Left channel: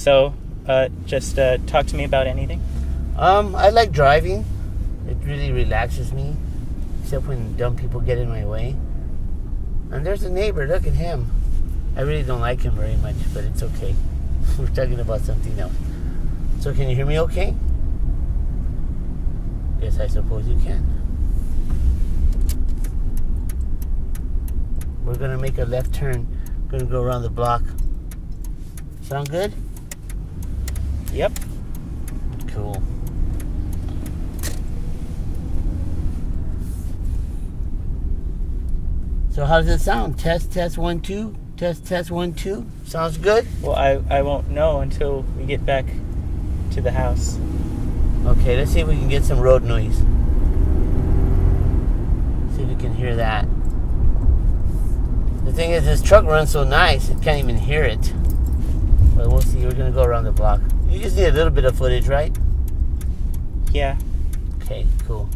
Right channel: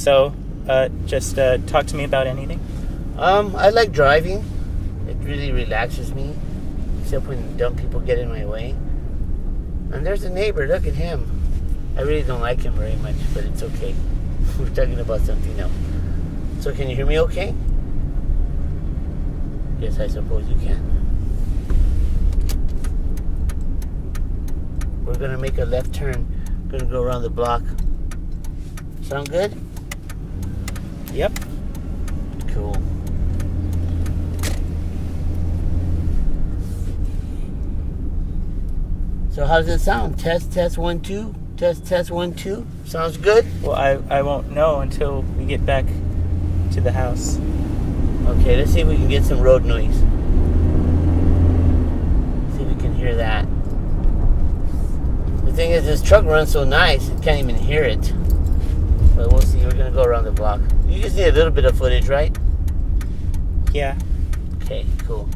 So, just talk to me about anything. I like driving. It really relaxes me, except when dumb people get in my way. And there's a neighbor. Look at him. I really don't like him very much, but it's okay. We're talking about something else. So can you hear me okay? Yes, I suppose you can. We're going to make a left turn. Going to go around the block. Sound good? Yep. Cool. So how does it sound? Test, test, 1, 2. Test, test, 1, 2. Sounds good? Well, I won't know until we get back to the house. Okay, let's see if we can get some road noise. See if we can hear that. The thing is, this truck runs so nice, it can't even hear it. But we'll see. We're going to go around the block. You just need a little bit of footage, right? Yeah. Okay, cool.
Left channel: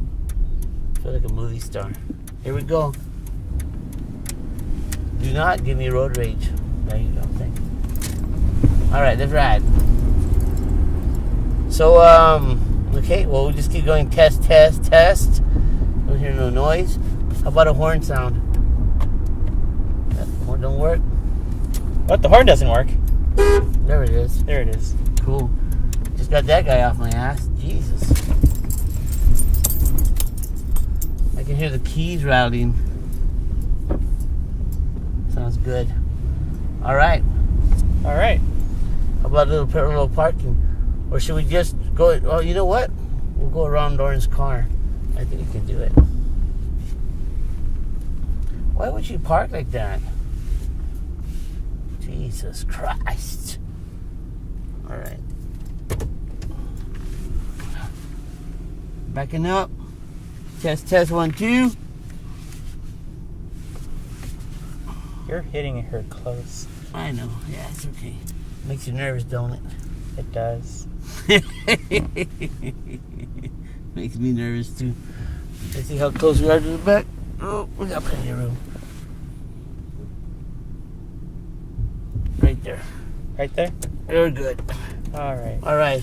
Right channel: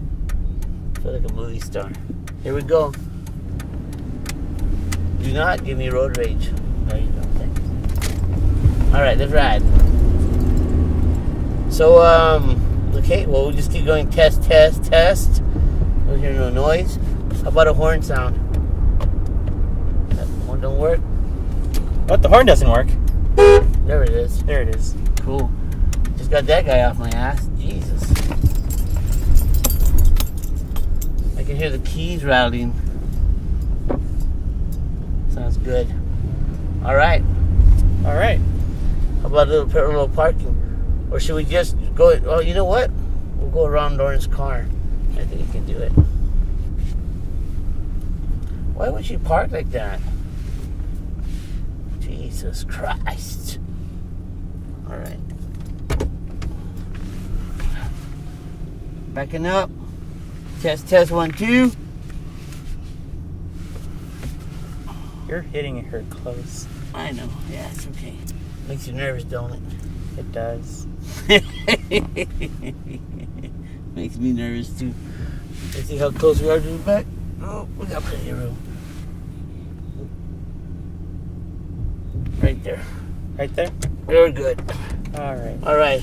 I feel like a movie star. Here we go. Do not give me road rage. There you go. Thank you. Alright, let's ride. So, okay, well, we'll just keep going. Test, test, test. Don't hear no noise. How about a horn sound? That horn don't work? What? The horn doesn't work. There it is. There it is. Cool. Just got that guy off my ass. Jesus. I can hear the keys rattling. Sounds good. Alright. Alright. How about a little parallel parking? Or should we just go... Oh, you know what? We'll go around Lauren's car. I think we can do it. Why would you park like that? Jesus Christ. Alright. Backing up. Test, test, 1, 2. You're hitting her close. I know. Yeah, it's okay. Makes you nervous, don't it? It does. Makes me nervous too. Let's see how close we are to the back. Oh, we got plenty of room. Right there. Right there? Very good. Alright. Alright.